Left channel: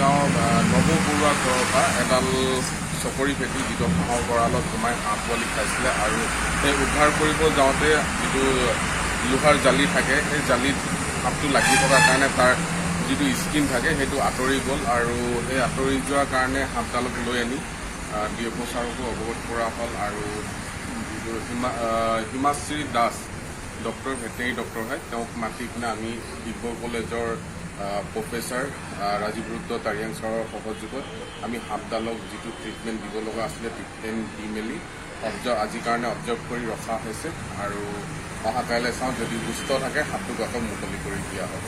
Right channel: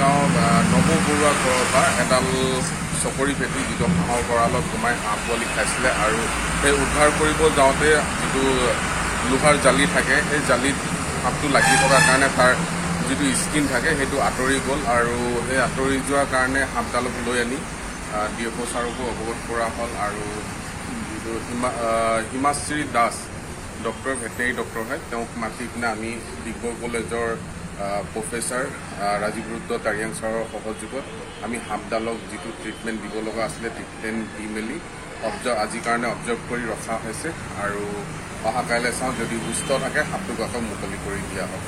গাঁও নৱ বৰুৱা ঘৰৰ পৰা এডাল চকৰি ফেটি যিটো হাঁহৰ গঁৰালত সোমাই হাঁহ পোৱালি খাইছিলে আৰু সেই উদ্ধাৰ কৰিব যাওঁতে যিটো লোহাৰ জালি থাকে সেই জালিত সাপটো লাগি থকাৰ কাৰণে তাৰ যিটো স্কিন থাকে সেইটো আঁতৰি গ'ল আৰু সেই আঁতৰি যোৱাৰ কাৰণে সাপডালক লৈ আনি ডিএফঅ ছাৰকো অৱগত কৰা হ'ল আৰু যিটো Himashree Das doctor veterinary doctor হয় তেওঁক মাতি কিনে আমি ডিব্ৰুগড় কলেজৰ প্ৰফেচাৰ ৰাজীৱ ৰুদ্ৰ তাৰিয়াং ছাৰৰ সহযোগত আমি সাপডালক যিটো ট্ৰিটমেণ্ট দিব লগা আছিলে ট্ৰিটমেণ্ট দি মেলি আজিৰ কাৰণে অবজাৰ্ভ কৰি ৰখা হৈছে আৰু অহা কাইলৈ চাওঁ যদি সুস্থ থাকে সাপটোক আকৌ মুকলি কৰি দিয়া হ'ব।